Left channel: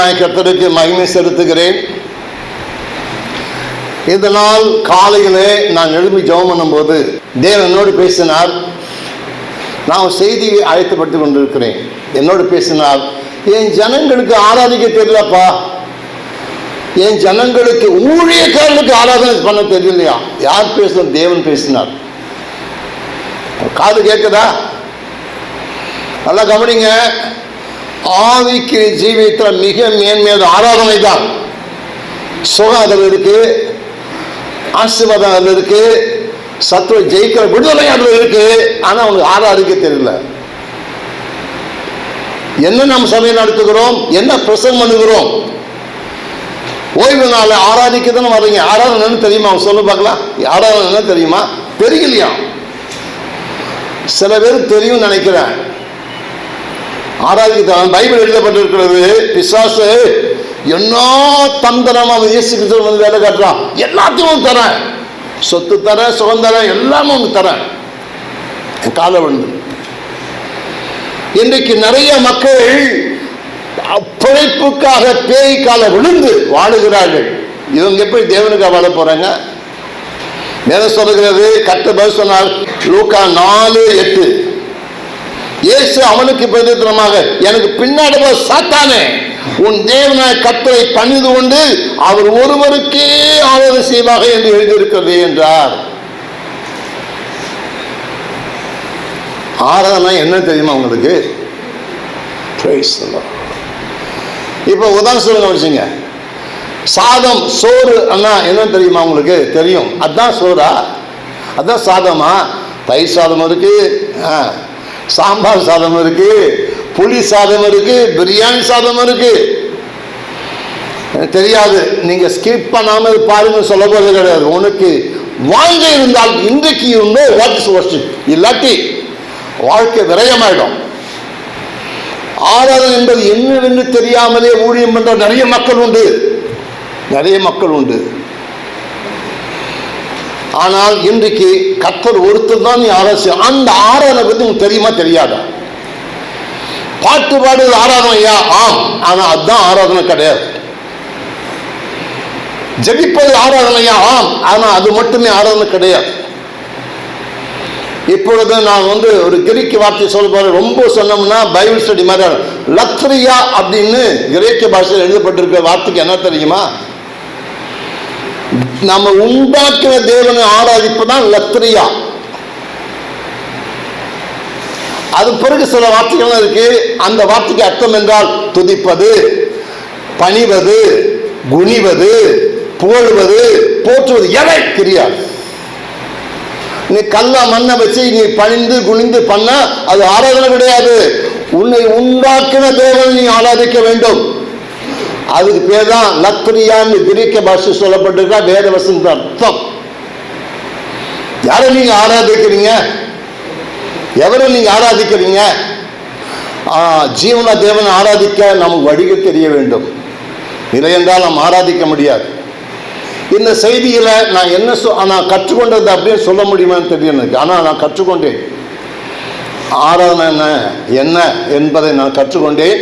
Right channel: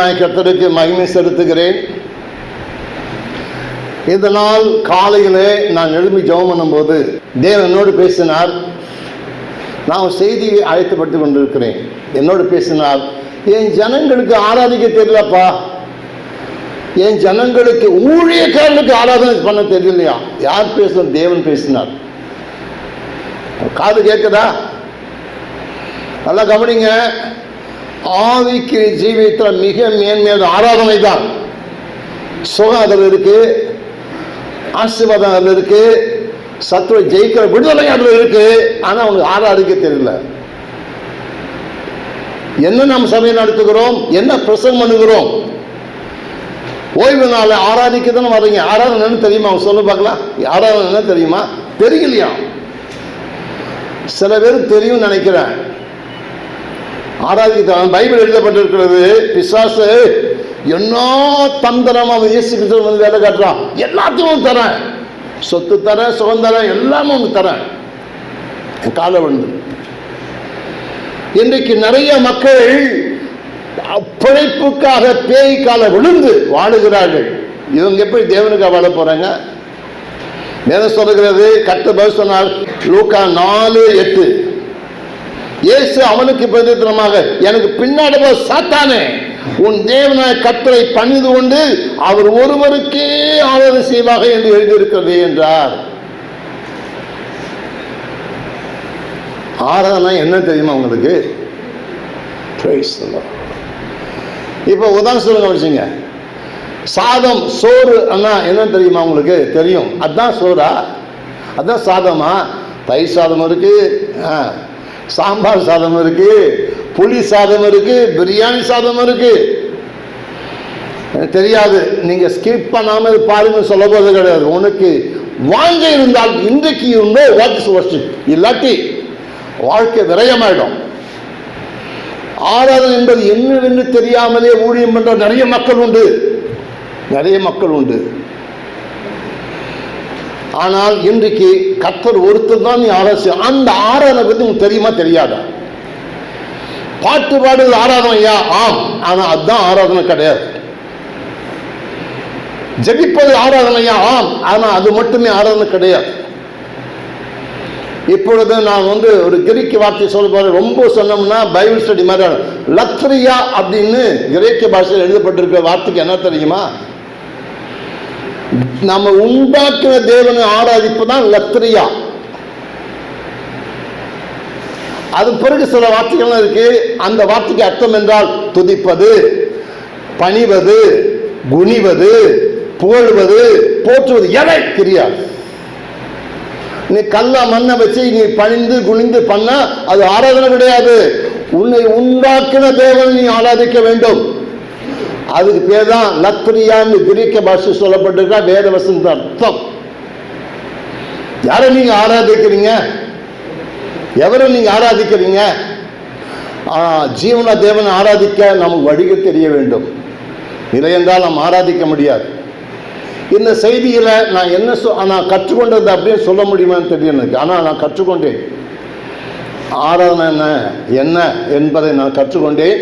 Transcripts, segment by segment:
தேவநாய கத்தருக்கு மகிமை செலுத்துகிறேன். இதனால் காலையிலே நான் எழுப்பி ஜெபம் பண்ணும்போது தேவன் என்னோடு பேசினார். நான் செய்தியை அழைத்துப்பட்டு கொண்டிருக்கிறேன். என்னோடு பேசினார் என் ஜனங்களுக்கு ஆராதிக்க தெரியலப்பா. என் ஜனங்களுக்கு ஊழியக்காரர்களுக்கு ஆராதனை பண்ண தெரியலையா? யார் பேசுன? தேவன் பேசினார். காது கேட்குதா நல்லா கவனிங்க. ஆவிக்கு ஜீவித்த மிக மேன்மையான ஆராதனை தான் சுகம் அதில் இருக்கு ஆசீர்வாதம் அதில் இருக்கு சத்துவ ஜெயிக்கிற விடுதலை அதில் இருக்கு ஆனால் அவனுக்கு ஆராதிக்க தெரியல. என்ன நாம் சபை நடத்துகிறோம்? என்ன பிரசங்கம் பண்ணுகிறோம்? ஓய்வு நாள் ஆராதிக்க தானே வரீங்க ஆராதனை தெரியுமா? அவன் சொல்ல பார்க்கலாம். ஆராதனை தெரியுமா? தெரியலையா? சில பேர் தெரியும் நினைக்கிறேன். ஆராதிக்க பைபிள் எழுதப்பட்டிருக்கிறது பிசாசு என்ன தந்திரம் அவன் இயேசு கிறிஸ்துவ வந்து வேலை காட்டுறான். எல்லாத்தையும் தரேன் சொத்து தரேன் சுகம் தரேன் எல்லாமே உனக்கு தரேன் காலம் வந்து இன்றைக்கு நிறைய மக்கள் பிழைப்புக்காக பேய் கால விழுந்து வாழுகிறார்கள். இவங்க எப்படி தேவனுக்காக வாழ போறாங்க? வேதம் சொல்லுகிறது கத்த பதில் சொன்னால் லூக்கா நாலு எட்டு. இயேசு அவனுக்கு பிரதித்திரமாக எனக்கு பின்னாடி சாத்தானே உன் தேவனாய் கத்தரை பணிந்து கொண்டு அவர் ஒருவருக்கே ஆதரவு செய்வாக என்று எழுதியிருக்கிறது என்றார். ஆராதனை என்ன தெரியுமா உங்களுக்கு? Praise இப்போ உதாரணம் சொல்லுங்க வச்சுங்க சாதம் சோறு அண்ணா என்ன தெரியுமா உங்களுக்கு? தெரியும். அதான் சோறா? அதான் சாதமா? தயிர் சாதம் இருக்கு. ஆ, சாம்பார் சாதம் இருக்கு புளி சாதம் இருக்கு பிரியாணி சாதம் இருக்கு. தெரியாது நீங்க ஸ்கிப் பண்ணாம பாருங்க சொல்ல போறது கிடையாது. உனக்கு வாங்க இருந்தால் இன்றைக்கு உண்டோ வாட்ஸ் வர்ஷிப் இல்லாட்டி வாழ்க்கை விரயமாயிடும். ஆராதனை என்பது என்னவென்று தெரியாமலே ஊழியம் பண்ற நிறைய மக்கள் உண்டு. நிறைய மக்கள் உண்டு. ஆனால் இன்றைக்கு கத்தர் ஒருத்தர் தான் நீ ஆராய்ச்சி அந்த ஆராதனை பற்றி உங்களுக்கு தெரியுமா தெரியாதா? பாட்டு பாடுறது ஆராதனையா ஆம். ஆனால் அதுதான் ஆராதனை கிடையாது. ஜபிப்பது ஆராதனையா ஆம். ஆனால் அது மட்டுமே ஆராதனை கிடையாது. இப்பொழுது நான் வந்து ஒரு கிரீக்க வார்த்தை சொல்ல ரொம்ப சொன்னோம்னா பைபிள் ஸ்டடி மாதிரி லத்ரியா அப்படின்னு கிரேக்க பாஷையில் எழுதப்பட்டிருக்க வார்த்தைக்கு என்ன தெரியுமா? நம்ம உண்டாக்கின தேவனை ஆராதிப்பு தான் லத்ரியா அது பிறகு சில வார்த்தைகள் இருக்கு. அந்த வார்த்தைக்கு அர்த்தம் என்றால் துதிப்பது பணிவது குனிவது புகழ்வது போற்றுவது எதை கிரியா நீ கல்லா மண்ணை வச்சு நீ பணிந்து குனிந்து பண்ணா அது ஆராதனை கிடையாது. உன்னை உண்டாக்கின தேவனை நீ ஆராதிக்க வேண்டும். அதுக்கு பேர் தான் லத்ரியான்னு கிரீக்க பாஷை சொல்லப்பட்டிருக்கா வேத வசந்த அர்த்தம் யாரை நீங்க ஆராதிக்கிறீங்க? எவரை நீங்க ஆராதிக்கிறீங்க? ஜீவன தேவனை ஆராதிக்க நமக்கு வழிக தெரிய வேண்டும். இல்லை என்றால் நாம் ஆராதிக்க முடியாது. இந்த செய்தியில் நான் என்ன சொ நான் கற்றுக்கொண்டது அப்படியே சொல்ல முடியுமான்னு தெரியும் எனக்கு. ஆனால் நான் கற்றுக்கொண்டேன். ஆராதனை என்ன? என்ன என்பதை நான் கற்றுக்கொண்டேன்.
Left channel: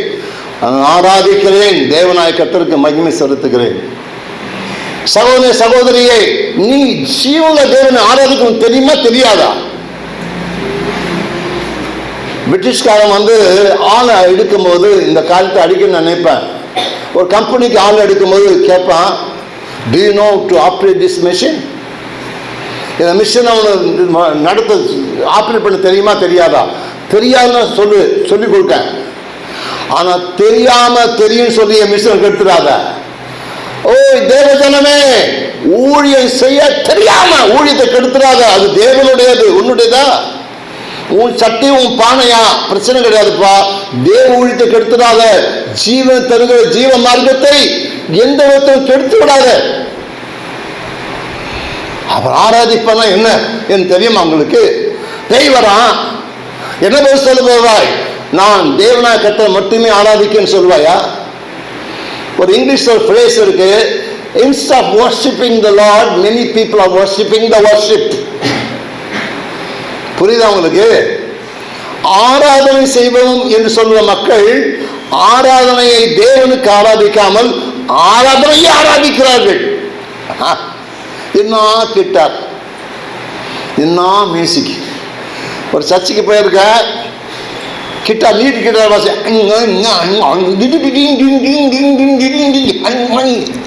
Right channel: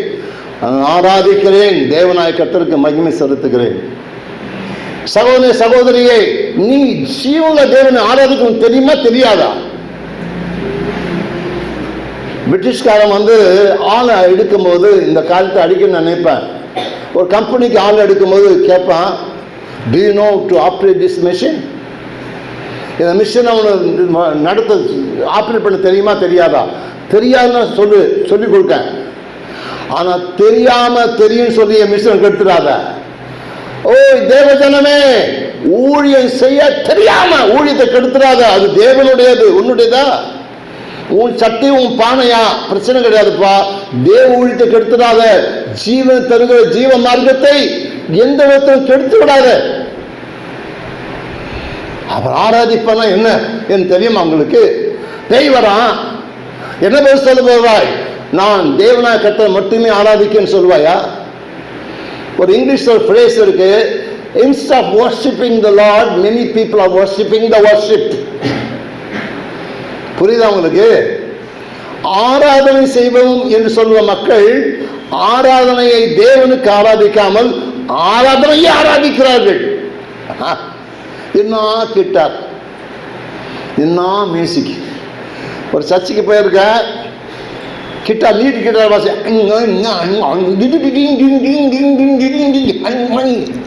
ஆராதிக்கிறேன். தேவனாய கத்தருக்கு மகிமை செலுத்துகிறேன். சகோதரி சகோதரியே நீ ஜீவன தேவனை ஆராதிக்கணும் தெரியுமா தெரியாதா? பிரிட்டிஷ்காரன் வந்து ஆளை எடுக்கும்போது இந்த காலத்தை அடிக்க நான் நினைப்பேன். ஒரு கம்பெனிக்கு ஆள் எடுக்கும்போது கேட்பான் do know to operate this machine இந்த மிஷினை அவனை நடத்த ஆப்ரேட் பண்ண தெரியுமா தெரியாதா? தெரியாதுன்னு சொல்லு சொல்லி கொடுத்தேன் ஆனால் தெரியாம தெரியும் சொல்லி என் மிஷினை கெடுத்துடாத ஓ தேவஜனமே ஊழியம் செய்ய தெரியாம ஊழியத்தை கெடுத்துடாத அது தேவனுடையது உன்னுடையதா? உன் சட்டி உன் பானையா? பிரச்சனை கிடையாதுப்பா. தேவ ஊழியத்தை கெடுத்துடாத. ஜீவன் தருகிற ஜீவ மார்க்கத்தை எந்த விதத்தையும் கெடுத்து விடாத அவர் ஆராதிப்பனா என்ன? என் தெரியும் அவங்களுக்கு தெய்வரா? என்ன பேர் சொல்ல போவாய் நான் தேவனா கத்தை மட்டுமே ஆராதிக்கன்னு சொல்லுவாயா ஒரு இங்கிலீஷ் ஒரு ஃப்ரேஸ் இருக்கு instead worshipping the lord many people are worshipping the worship புரியுதா உங்களுக்கு? ஆராதனை செய்வோம் என்று சொல்லுற மக்கள் ஆராதனையை தேவனுக்கு ஆராதிக்காமல் ஆராதனையை ஆராதிக்கிறார்கள். ஆ, என்ன கிட்டார்? என்ன மியூசிக்? ஒரு சர்ச்சுக்கு போயிருக்க கிட்டா நீட் கிட்டார் வாசி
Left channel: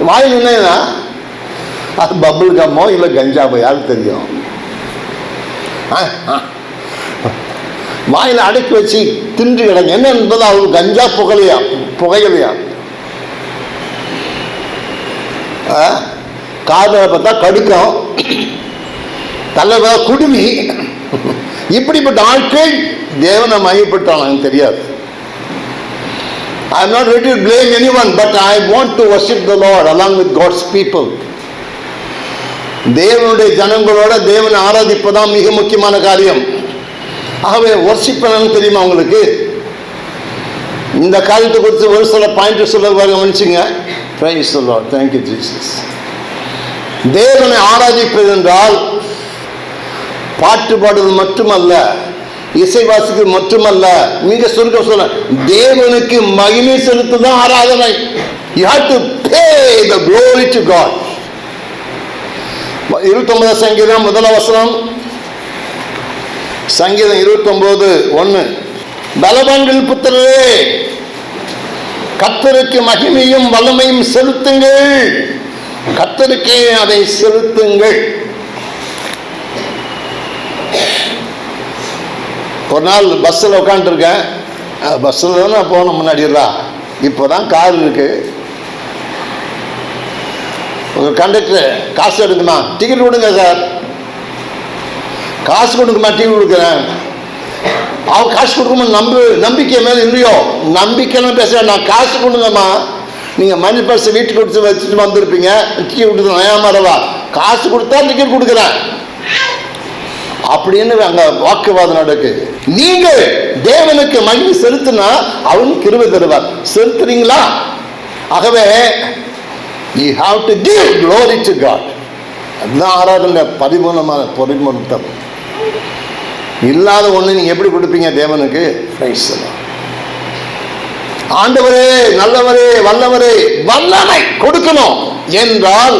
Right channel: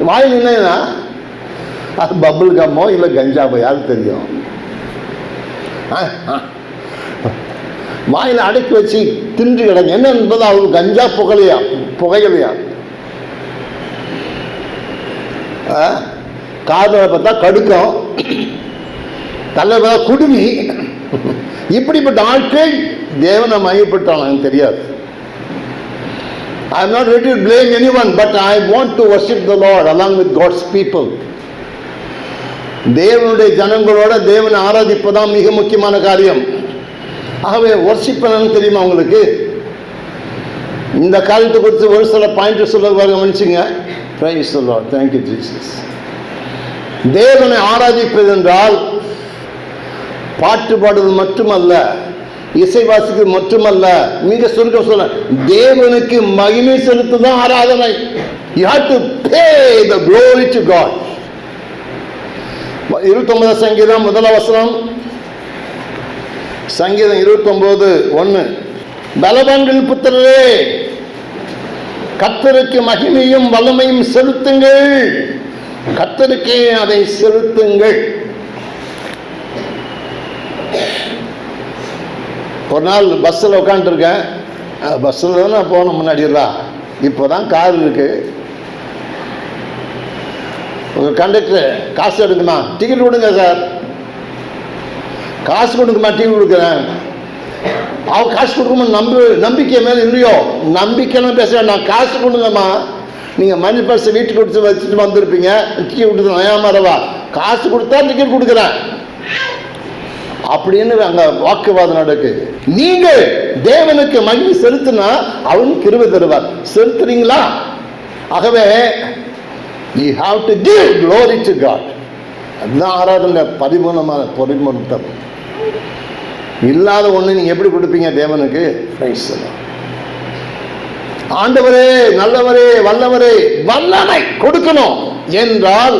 வாயில் என்னன்னா அது பபுள் கம்மோ இல்லை கஞ்சாவோ யாருக்கு தெரியும் ஆ, ஆ. வாயில் அடக்கி வச்சு தின்று கிடங்க என்ன என்பது அவர் கஞ்சா புகழையா புகையிலையா காதில் பார்த்தா கடுக்கம் தலை குடுமி இப்படிப்பட்ட ஆட்கள் தேவனை மையப்பட்டான் எனக்கு தெரியாது. ஐ am not ready to blame anyone, but I want to worship the Lord along with God's people. தேவனுடைய ஜனங்களோட தேவனை ஆராதிப்பதான் மிக முக்கியமான காரியம். ஆகவே ஒர்ஷிப் என்னன்னு தெரியுமா உங்களுக்கு? இந்த காரியத்தை குறித்து ஒரு சில பாயிண்ட் சொல்ல கவனிச்சுங்க பிரைஸ் சொல்லுவார் தேங்க்யூ ஜீசஸ் தேவனை ஆராதிப்பது என்றால் பாட்டு பாடுவது மட்டுமல்ல இசை மட்டுமல்ல மிக சுருக்க சொல்ல தேவனுக்கு மகிமை செலுத்துதான் ஆராதனை. You have to pay the glory to God இருபத்தொன்பதாம் சங்கீதம் முதல் அவசரம் சங்கீதம் இருபத்தொன்பது ஒன்று பலவான்கள் புத்திரரே கத்தருக்கு மகிமையும் வல்லமையும் செலுத்துங்கள். கத்தருக்கே அதை செலுத்துங்கள். ஒரு நாள் பஸ்ஸில் உட்காந்துருக்கேன் பஸ்ஸில் தானே போகணும் முன்னாடி முன்னாடிடா இப்போ தான் கார் இருக்கு. உங்கள் கண்டக்டர் காசு எடுக்குமா டிக்கெட் கொடுங்க சார் காசு கொடுக்குமா? டிக்கெட் கொடுக்குறேன். அவன் காசு கொடுக்கணும் நம்பு நம்பிக்கை மேலே இல்லையோ? நம்பிக்கைன்னு பேசுகிறேன் நான் காசு கொடுங்கம்மா. நீங்கள் மணி பர்ஸ் வீட்டுக்கு கொடுத்து வச்சுட்டு வந்திருப்பீங்க. டிக்கெட் கொடுத்து நயாமரவா காசு கொடுத்தா டிக்கெட் கொடுக்குறேன். அப்படின்னு அங்க வாக்குவாதம் நடக்குது நீங்க தேவனுக்கு மகிழ்ச்சி செலுத்தினா அவன் கிருவை தருவார். செலுத்துறீங்களா? ஆகவே you have to give glory to God அதுதான் ஆராதனை பரிபூர்ணமான பரிபூர்ணம் இல்லாத ஒண்ணு நீங்க எப்படி கொடுப்பீங்க தேவனுக்கு? ஆண்டவரே நல்லவரே வல்லவரே வல்லமை கொடுக்கணும். என்றால்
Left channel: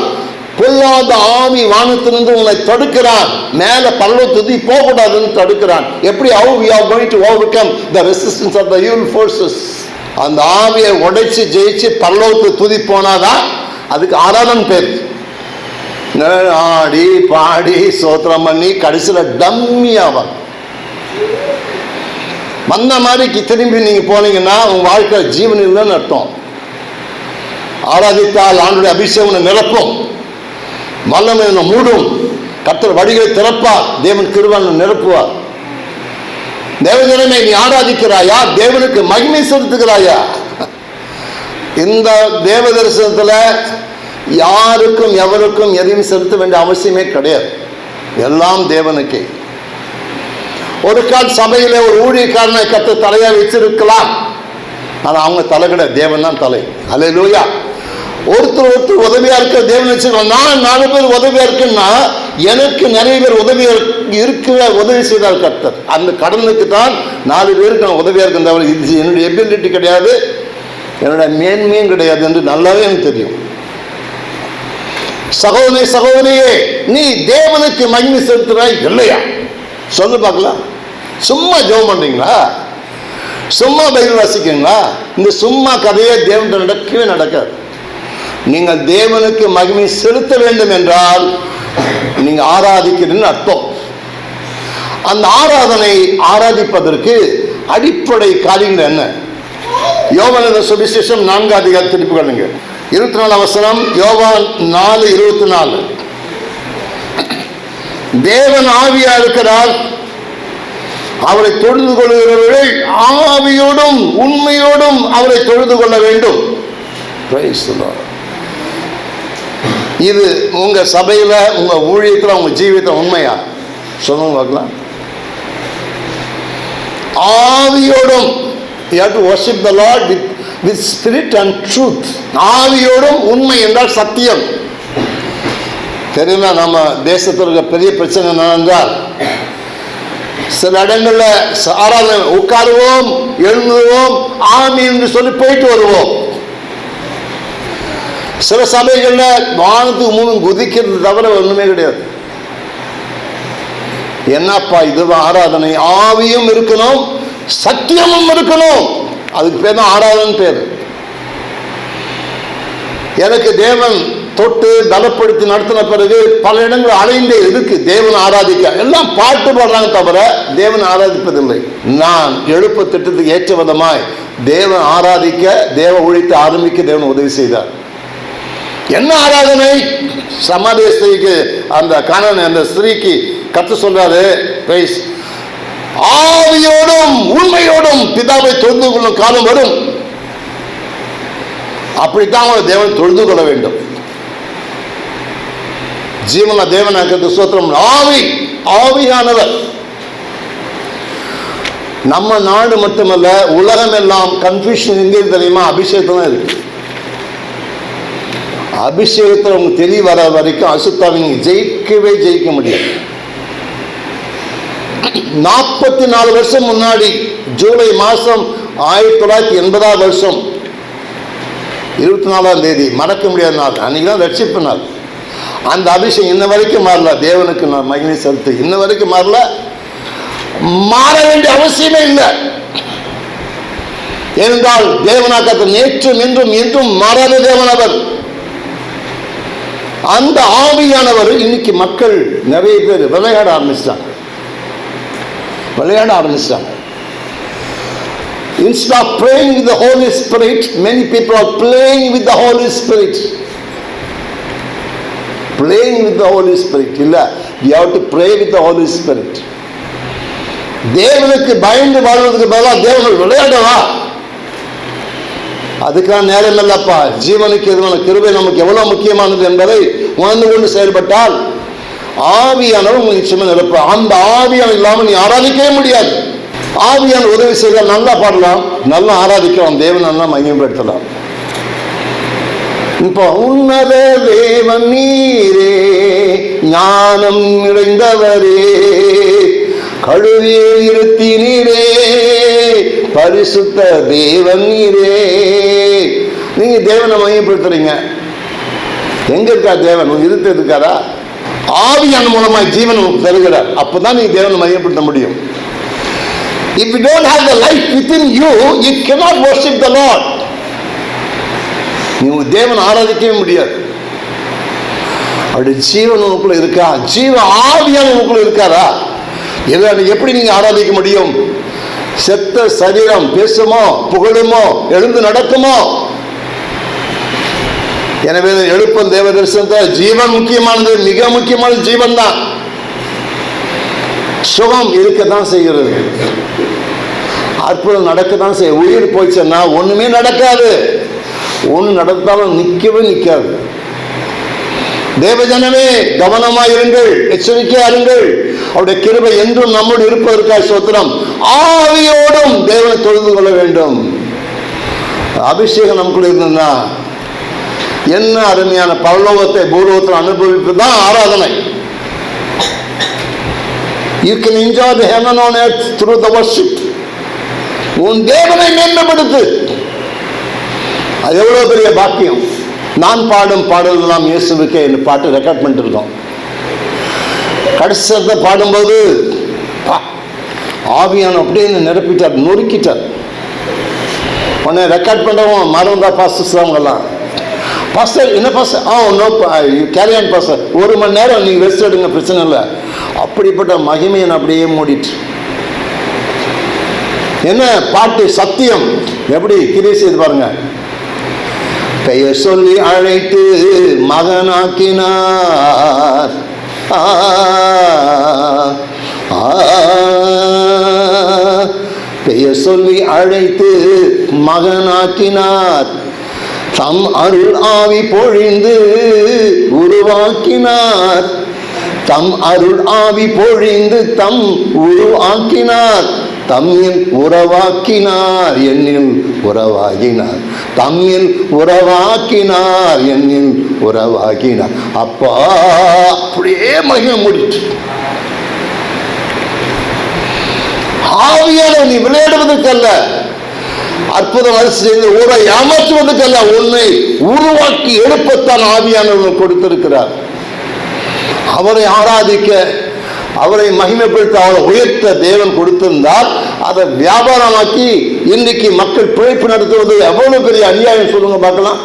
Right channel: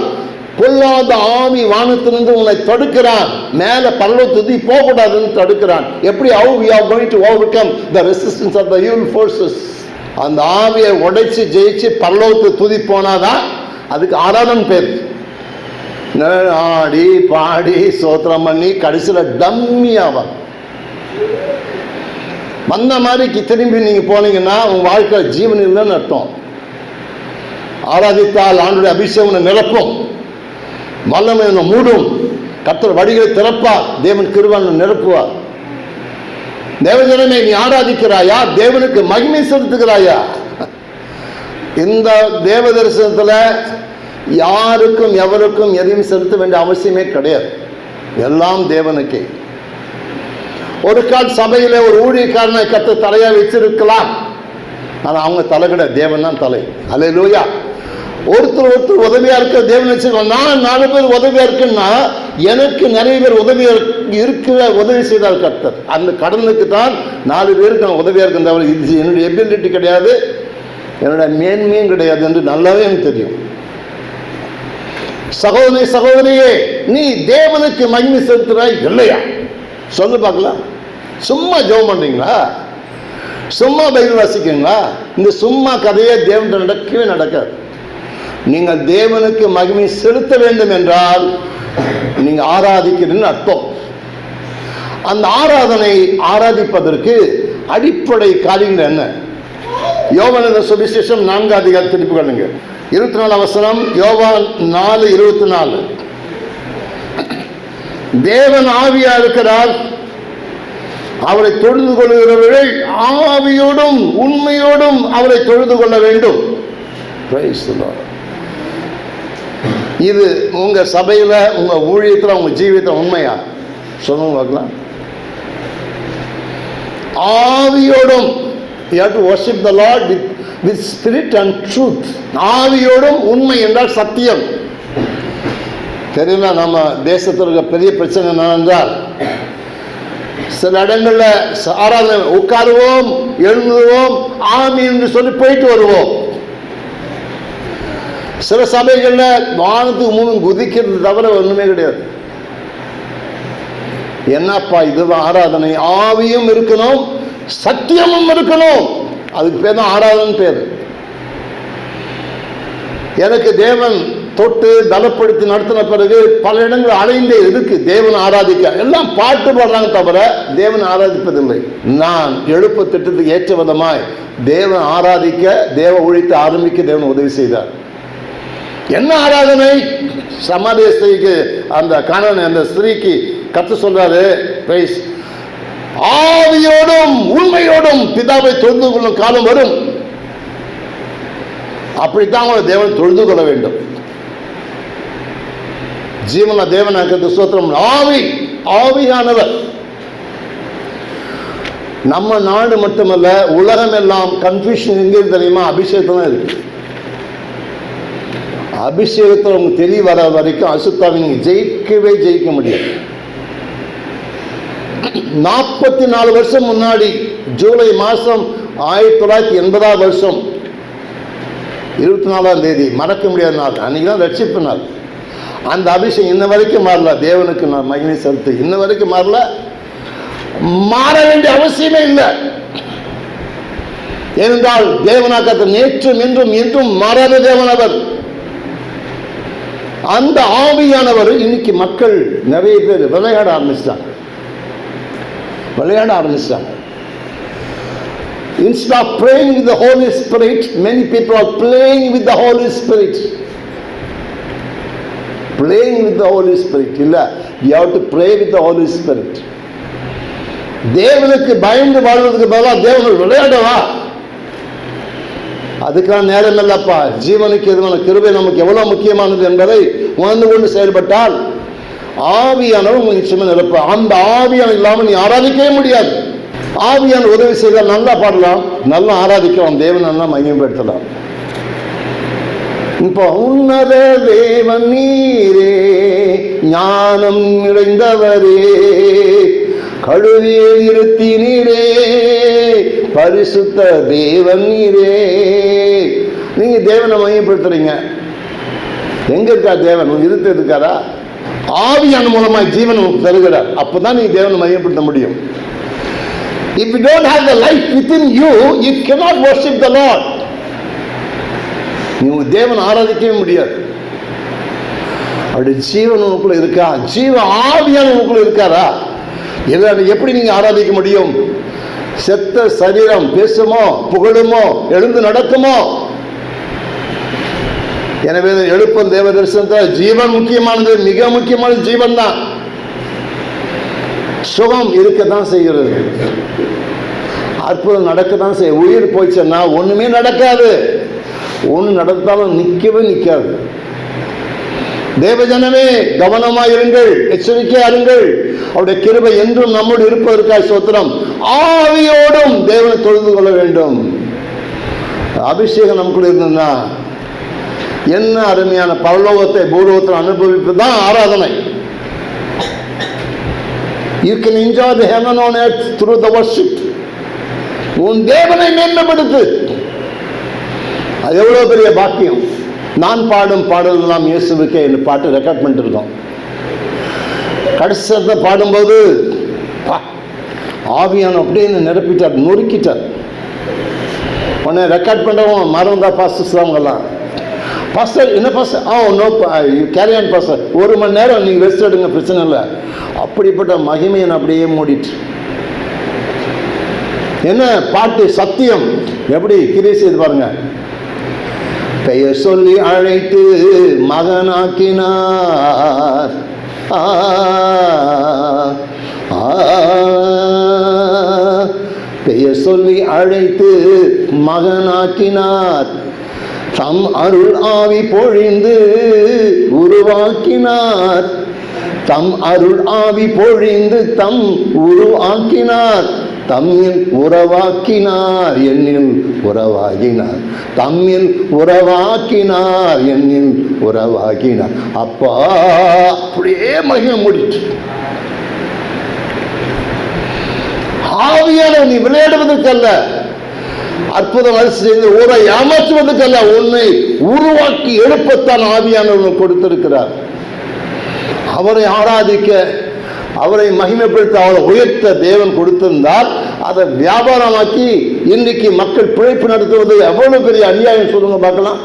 பொல்லாத ஆவி வானத்திலிருந்து உங்களை தடுக்கிறான் மேல பல்லவ துதி போகக்கூடாதுன்னு தடுக்கிறான். எப்படி? How we are going to overcome the resistance of the evil forces அந்த ஆவியை உடைச்சு ஜெயிச்சு பல்லவத்து துதி போனாதான் அதுக்கு ஆராதன் பேர். ஆடி பாடி சோத்திரம் பண்ணி கடைசியில் டம்மி வந்த மாதிரிக்கு திரும்பி நீங்கள் போனீங்கன்னா உங்கள் வாழ்க்கை ஜீவனில் அர்த்தம். ஆராதித்தால் ஆண்டுடைய அபிஷேகம் நிரப்பும். வல்லமை மூடும். கத்தர் வழிகளை திறப்பார். தேவன் கிருவன் நிரப்புவார். தேவஜனமே நீ ஆராதிக்கிறாயா? தேவனுக்கு மகிமை செலுத்துகிறாயா? இந்த தேவ தரிசனத்தில் யாருக்கும் எவருக்கும் எதையும் செலுத்த வேண்டிய அவசியமே கிடையாது. எல்லாம் தேவனுக்கு. ஒரு கால் சபையில் ஒரு ஊழியக்காரனை கத்த தலையாக வச்சிருக்கலாம் ஆனால் அவங்க தலை கிடையாது தேவன் தான் தலை. அலையிலூயா லூயா ஒருத்தர் ஒருத்தர் உதவியா இருக்க தேவன் வச்சிருக்கோம் நான் நாலு பேர் உதவியா இருக்குன்னா எனக்கு நிறைய பேர் உதவியா இருக்கிற உதவி செய்தார் கர்த்தர். அந்த கடனுக்கு தான் நாலு பேருக்கு நான் உதவியா இருக்கேன் தவிர இது என்னுடைய எபிலிட்டி கிடையாது. என்னுடைய மேன்மையும் கிடையாது என்று நல்லாவே எனக்கு தெரியும். சகோதரி சகோதரியே நீ தேவனுக்கு மகிமை செலுத்துறாய் இல்லையா? சொல்லு பார்க்கலாம். சும்மா ஜெபம் பண்ணுறீங்களா சும்மா பைபிள் வாசிக்கிறீங்களா? இந்த சும்மா கதையே தேவன் நடக்கவே நடக்காது. நீங்கள் தேவனுக்கு மகிமை செலுத்த வேண்டும் என்றால் நீங்க ஆராதிக்கிறீன்னு அர்த்தம். அந்த ஆராதனை ஆராதிப்பதற்கு அடிப்படை காரியங்கள் என்ன? யோவான் சுவிசேஷம் நான்கு அதிகார திருப்பி கொள்ளுங்க. இருபத்தி நாலு அவசரம் யோவான் நாலு இருபத்தி நாலு தேவன் ஆவியா இருக்கிறார் அவரை தொழுது கொள்கிறவர்கள் ஆவியோடும் உண்மையோடும் அவரை தொழுது கொள்ள வேண்டும். Praise. இது உங்க சபையில உங்க ஊழியத்தில் உங்க ஜீவிதம் உண்மையா? சொல்லுங்க பார்க்கலாம். ஆவியோடும் you have to worship with Lord with with ஆவியோடும் உண்மை என்றால் சத்தியம். தெரியுமா நம்ம தேசத்தில் இருக்க பெரிய பிரச்சனை என்னவென்றால் சில இடங்களில் ஆராதனை உட்காருவோம் எழுந்துவோம் ஆமி என்று சொல்லி போயிட்டு வருவோம். சில சமயங்களில் வானத்துக்கு மூணும் குதிக்கிறது தவிர ஒன்றுமே கிடையாது. என்னப்பா இது ஆராதனை? ஆவியும் இருக்கணும் சத்தியமும் இருக்கணும். அதுக்கு பேர் தான் ஆராதனை பேர். எனக்கு தேவன் தொட்டு பலப்படுத்தி நடத்தின பிறகு பல இடங்கள் அலைந்தே இருக்கு. தேவன் ஆராதிக்க. எல்லாம் பாட்டு பாடுறாங்க தவிர தேவன் ஆராதிப்பதில்லை. நான் எழுப்பு திட்டத்துக்கு ஏற்ற விதமாய் தேவன் ஆராதிக்க தேவ ஒழித்து ஆரம்பிக்க தேவன் உதவி செய்தார். என்ன ஆராதனை? சமாதி ஸ்திரீக்கு அந்த கணவன் அந்த ஸ்திரீக்கு கத்து சொல்றாரு. "பிரைஸ், ஆவியோடும் உண்மையோடும் பிதாவை தொழுந்து கொள்ளும் காலம் வரும். அப்படித்தான் அவங்க தேவன் தொழுது கொள்ள வேண்டும். ஜீவன தேவனாக்கிறது சூத்திரம் ஆவி ஆவியானவர். நம்ம நாடு மட்டுமல்ல உலகம் எல்லாம் கன்ஃபியூஷன் எங்கே தெரியுமா? அபிஷேகம் தான் இருக்கு. அபிஷேகத்தில் அவங்க தெரிய வர வரைக்கும் அசுத்தாவை நீங்கள் ஜெயிக்கவே ஜெயிக்க முடியாது. நாற்பத்தி நாலு வருஷம் முன்னாடி ஜூலை மாதம் ஆயிரத்தி தொள்ளாயிரத்தி எண்பதாம் வருஷம் இருபத்தி நாலாம் தேதி மறக்க முடியாத நாள். அன்றைக்கி தான் ரட்சிப்பு நாள். அந்த அபிஷேகம் இன்ன வரைக்கும் மாறல. தேவனுக்கு நான் மகிமை செலுத்து இன்ன வரைக்கும் மாறல. மாற வேண்டிய அவசியமே இல்லை. ஏனென்றால் தேவனாக்க நேற்றும் இன்றும் இன்றும் மாறாத அவர். அந்த ஆவியானவர் இன்னைக்கு மக்கள் நிறைய பேர் விளையாட ஆரம்பிச்சிட்டாங்க விளையாட ஆரம்பிச்சிட்டாங்க Instead of praying with the Holy Spirit, many people are playing with the Holy Spirit. Playing with the Holy Spirit. இல்ல you have to pray with the Holy Spirit. தேவனுக்கு பயந்து வாழ்வதற்கு பதிலாக தேவனை விளையாடவா அதுக்கெல்லாம் நேரம் இல்லப்பா ஜீவனுக்கு எதுவான கிருபை நமக்கு எவ்வளவு முக்கியமானது என்பதை உணர்ந்து கொண்டு செயல்பட்டால் ஆவியானவர் உங்களுக்கு நிச்சயமாக நிரப்ப. அந்த ஆவியான இல்லாமல் நீ ஆராதிக்கவே முடியாது. ஆவியான உதவி செய்தால் நல்லா பாடலாம். நல்லா ஆராதிக்கலாம். தேவன் நல்லா மையப்படுத்தலாம் இப்போ உன்னத தேவன் நீரே ஞானம் நிறைந்தவரே கழுவியை இருத்தினீரே. பரிசுத்த தேவன் இதே நீங்க தேவனை மையப்படுத்துறீங்க. எங்க இருக்கா தேவன் உங்க இருக்காரா ஆவியான மூலமாய் ஜீவன் உங்களுக்கு தருகிறார். அப்பதான் நீங்க தேவனை மையப்படுத்த முடியும். If you don't have the life within you, you cannot worship the Lord. நீங்க தேவன் ஆராதிக்கவே முடியாது. அப்படி ஜீவன் உனக்குள்ள இருக்கா? ஜீவ ஆவியான உனக்குள்ள இருக்காரா? எப்படி நீங்க ஆராதிக்க முடியும்? செத்த சரீரம் பேசுமோ புகழுமோ எழுந்து நடக்குமோ? எனவே எழுப்பும் தேவ தரிசனத்தை ஜீவன் முக்கியமானது மிக முக்கியமானது ஜீவன் தான் சுகம் இருக்கத்தான் செய்கிறது. அற்புதம் நடக்கத்தான் செய்ய உயிர் போச்சுன்னா ஒண்ணுமே நடக்காது. ஒன்று நடந்தாலும் நிற்கவே நிற்காது தேவஜனமே கவனமாக இருங்கள் எச்சரிக்கையா இருங்கள். அவருடைய கிருபை என்றும் நம்மோடு இருப்பதற்காக சோத்திரம் ஆவியோடும் தேவனை தொழுது கொள்ள வேண்டும். அபிஷேகம் நமக்குள்ள இருந்ததுன்னா என்ன அருமையான பரலோகத்தை பூலோகத்தில் அனுபவிப்பு தான் ஆராதனை. You can enjoy the heaven on earth through the worship உன் தேவனை மேன்மைப்படுத்து. அது எவ்வளோ பெரிய பாக்கியம். நான் பாடும் பாடல்கள்லாம் இயேசுவுக்கு இந்த பாட்டு ரெக்கார்ட் பண்ணிட்டு இருக்கோம். கடைசத்தை பாடும்போது ஆவியான அப்படியே நிரப்பிட்டார் நொறுக்கிட்டார். உடனே ரெக்கார்ட் பண்ணுறவன் மறந்தா பாஸ்டர்ஸ் அவங்கெல்லாம் பாஸ்டர் என்ன pastor ah no carry on pastor ஒரு மணி நேரம் நீங்கள் ரெஸ்ட் எடுங்க பிரச்சனை இல்லை. அப்படிப்பட்ட மகிமையை அப்படியே மூடிட்டு. என்ன பாட்டு? சத்தியம். எப்படி? கிரியை செய்து பாருங்க. பெயர் சொல்லி அழைத்து மகனாக்கினார். பெயர் சொல்லி அழைத்து மகனாக்கினார். தம் அருள் ஆவி பொழிந்து உருவாக்கினார். தம் அருள் ஆவி பொழிந்து தம் உருவாக்கினார். தம்மில் உறவாக்கினார். என்னில் உறவாகினார். தம்மில் உறவாக்கினார் என்னில் உறவாக்கினார் அப்பா அப்படியே மகிமை முடிச்சு ஆவியான நீ விளையாடுவதற்கல்ல. அற்புதம் செய்து ஊரை ஏமாற்றுவதற்கல்ல. உன்னை உருவாக்கி எழுப்பத்தான் ஆவியானவர் கொடுத்திருக்கிறார். அவரை ஆராதிக்க அவரை மகிமைப்படுத்த அவரை உயர்த்த தேவன் கொடுத்திருந்தால் அதை வியாபாரமாக்கி இன்றைக்கு மக்கள் பிழைப்பு நடத்துவது எவ்வளவு பெரிய அநியாயம் சொல்லுங்க பார்க்கலாம்.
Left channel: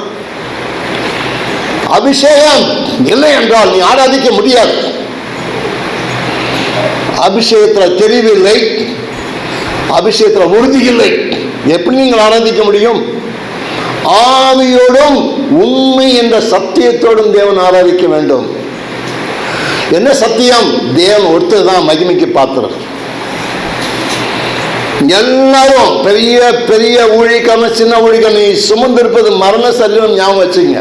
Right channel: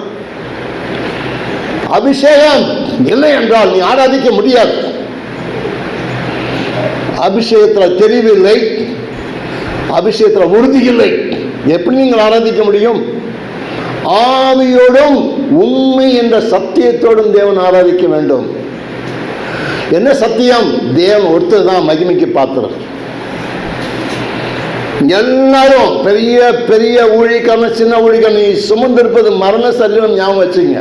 அபிஷேகம் இல்லை என்றால் நீ ஆராதிக்க முடியாது. அபிஷேகத்தில் தெரிவில்லை அபிஷேகத்தில் உறுதி இல்லை. எப்படி நீங்கள் ஆராதிக்க முடியும்? ஆவியோடும் உண்மை என்ற சத்தியத்தோடும் தேவன் ஆராதிக்க வேண்டும். என்ன சத்தியம்? தேவன் ஒருத்தர் தான் மகிமைக்கு பாத்திரம் எல்லாரும் பெரிய பெரிய ஊழிக்கான சின்ன ஊழிக்கான நீ சுமந்திருப்பது மரண சரீரம் ஞாபகம் வச்சுங்க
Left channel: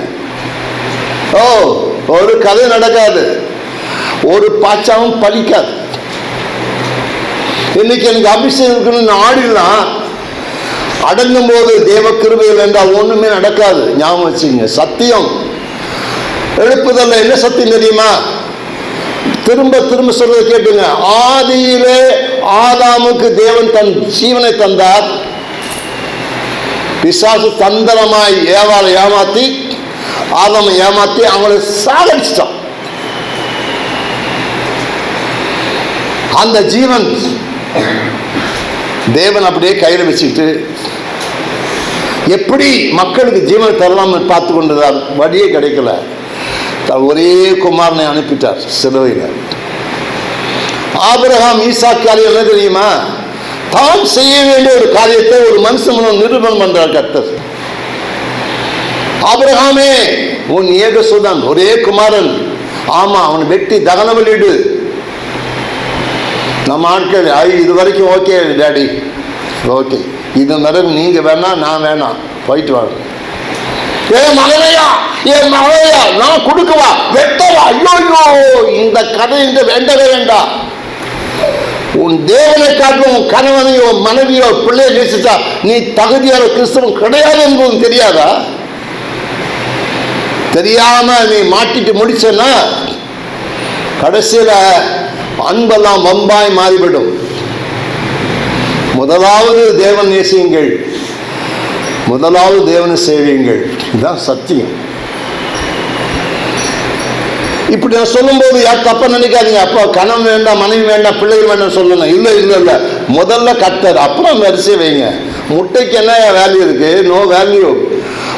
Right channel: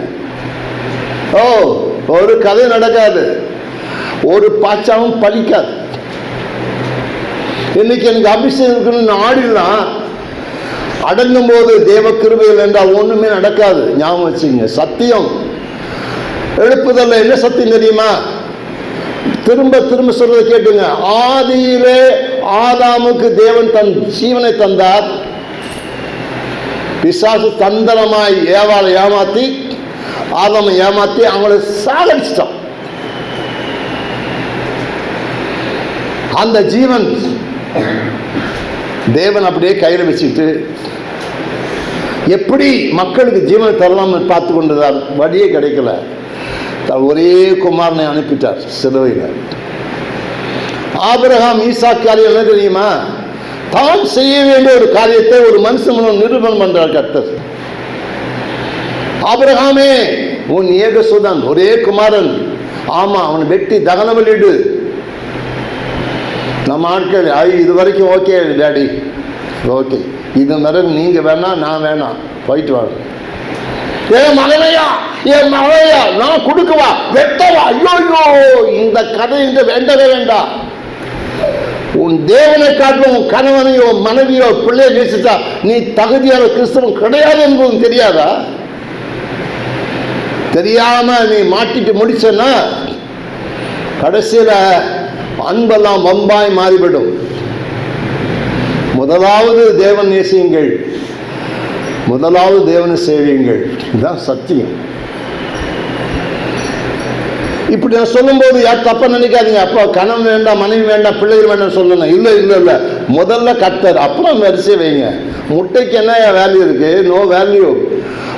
ஓ ஒரு கதை நடக்காது. ஒரு பாச்சாவும் பழிக்காது இன்னைக்கு எனக்கு அபிஷேகம் இருக்குன்னு ஆடிலாம் அடங்கும் போது தேவ கிருபையில் என்றால் ஒன்றுமே நடக்காது. ஞாபகம் வச்சுங்க சத்தியம். எழுப்புதல்ல என்ன சத்தியம் தெரியுமா? திரும்ப திரும்ப சொல்றத கேட்டுங்க. ஆதியிலே ஆதாமுக்கு தேவன் தன் ஜீவனை தந்தார். பிசாசு தந்திரமாய் ஏவாளை ஏமாத்தி ஆதாமை ஏமாத்தி அவங்களை சாகடிச்சிட்டான். அந்த ஜீவன் தேவன் அப்படியே கையில் வச்சுக்கிட்டு எப்படி மக்களுக்கு ஜீவனை தரலாம்னு பார்த்து கொண்டிருந்தார் வழியே கிடைக்கல. ஒரே குமாரனை அனுப்பிட்டார் சிலுவையில். ஆபிரகாம் ஈசா காரியம் என்ன தெரியுமா? தான் செய்ய வேண்டிய ஒரு காரியத்தை ஒரு மனுஷன் மூலம் நிரூபணம் பண்றார் கர்த்தர். ஆபிரகாமே உன் ஏகசுதன் ஒரே குமாரன். ஆமா அவனை வெட்டி தகன வெளியிடு நம்ம ஆட்கள் ஐ இது வரைக்கும் ஓகே டேடி. ஓகே. இது மாதிரி நீங்க வேணா நான் வேணாம். போயிட்டு வாங்க. ஏன் மகனையா ஏன் மகனையா நான் கொடுக்கவா? வெட்டவா? ஐயோ இந்த கதை இங்க வேண்டவே வேண்டாம் உன் தேவனை காட்டும் உன் கணவனையோ மனைவியோ பிள்ளையை நேசித்தா நீ தகுதியான கிறிஸ்தவன் கிடையாது என்பதும் தெரியாதா? தெரியாம நீ மாட்டிட்டு முடிச்சன்னா கடைசியில் அன்பெல்லாம் வம்பாய் மாறிவிடும். முதலாவது தேவன் நேசியுங்கள். முதலாவது தேவனை சேவியுங்கள். இதுதான் சத்தியம். இப்படி நான் சொல்லும்போது யார் தப்பாக நினைக்காதீங்க. அப்போ கணம் வேண்டாம் மனைவி வேண்டாம் பிள்ளைகள் வேண்டாம் சொல்லணும். இல்லை இல்லை இல்லை. முதல்ல கத்தர் அப்புறம் வரிசை வைங்க. முட்டைக்கு என்ன வேல்யூ இருக்கு? நோ வேல்யூ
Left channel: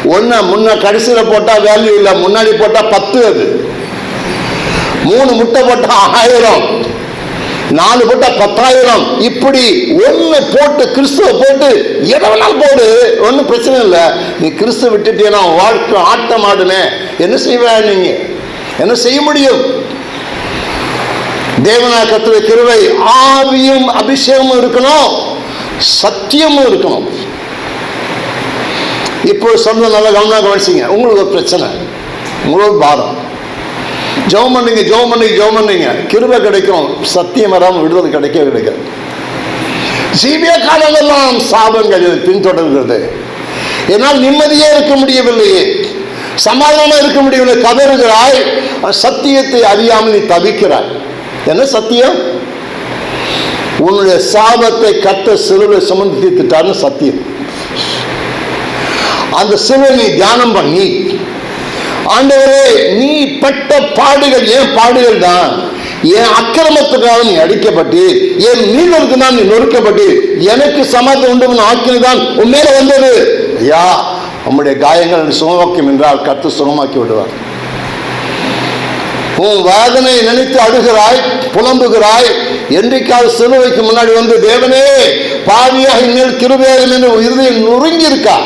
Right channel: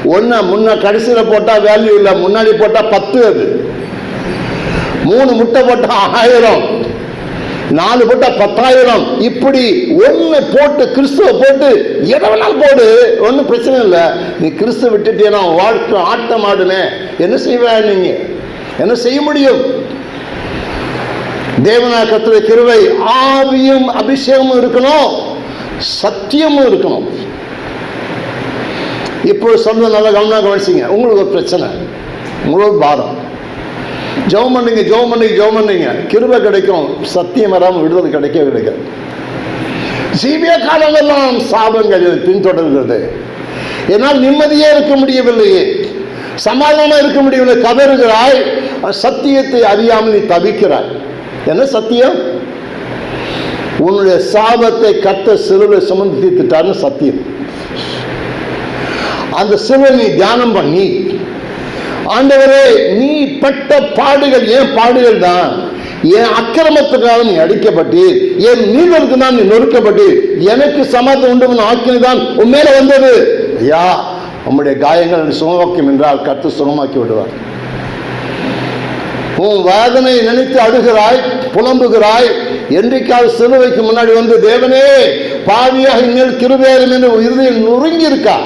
ஒன்று முன்ன கடைசியில் போட்டால் வேல்யூ இல்லை முன்னாடி போட்டால் பத்து அது. மூணு முட்டை போட்டால் ஆயிரம். நாலு போட்டா பத்தாயிரம். இப்படி ஒன்று போட்டு கிறிஸ்துவ போட்டு எதை வேணாலும் போடு. ஒன்றும் பிரச்சனை இல்லை. நீ கிறிஸ்துவ விட்டுட்டீங்கன்னா வாழ்க்கை ஆட்டம் ஆடுனே என்ன செய்வ நீங்க என்ன செய்ய முடியும்? தேவனா கத்துடைய கிருவை ஆவியும் அபிஷேகமும் இருக்கணும். சத்தியமும் இருக்கணும். இப்போ சொந்த நல்லா கவனம் கவனிச்சிங்க. உங்களுக்கு ஒரு பிரச்சனை. உங்களுக்கு பாரம் ஜெபம் பண்ணுங்க ஜெபம் பண்ணுங்க ஜெபம் பண்ணுங்க. கிருபை கிடைக்கும். சத்தியம் வராமல் விடுதலை கிடைக்க கிடைக்காது. ஜீவிய காலமெல்லாம் சாபங்கள் பின்தொடர்கிறது என்னால் நிம்மதியே இருக்க முடியவில்லையே. சமாதானம் இருக்க முடியவில்லை. கதறுகிறாய் சத்தியத்தை அறியாமல் நீ தவிக்கிறாய். என்ன சத்தியம்? உன்னுடைய சாபத்தை கத்த சிலுவை சுமந்து தீர்த்துட்டார்னு சத்தியம். அந்த சிலுவை நீ தியானம் பண்ணி ஆண்டவரே நீ பட்ட பாடுகள் ஏன் பாடுகள் தான் என் அக்கிரமத்துக்காக நீ அடிக்கப்பட்டு என் மீனருக்கு தான் நீ நொறுக்கப்பட்டு எனக்கு சமாதம் உண்டு ஆக்கினு தான் உன் மேல வந்தது. ஐயா உம்முடைய காயங்கள் சுகமாக்கும் என்றால் கத்து சுகமாக்கி விடுவார். உன் வேதனை நினைத்து அழுகிறாய் புலம்புகிறாய் என்றைக்காவது சிலுவைக்கு முன்னாடி வந்து தேவனே பாவியாக இனிமேல் கிருபையாக என்று இறுதியில் நொறுங்கி இருக்கா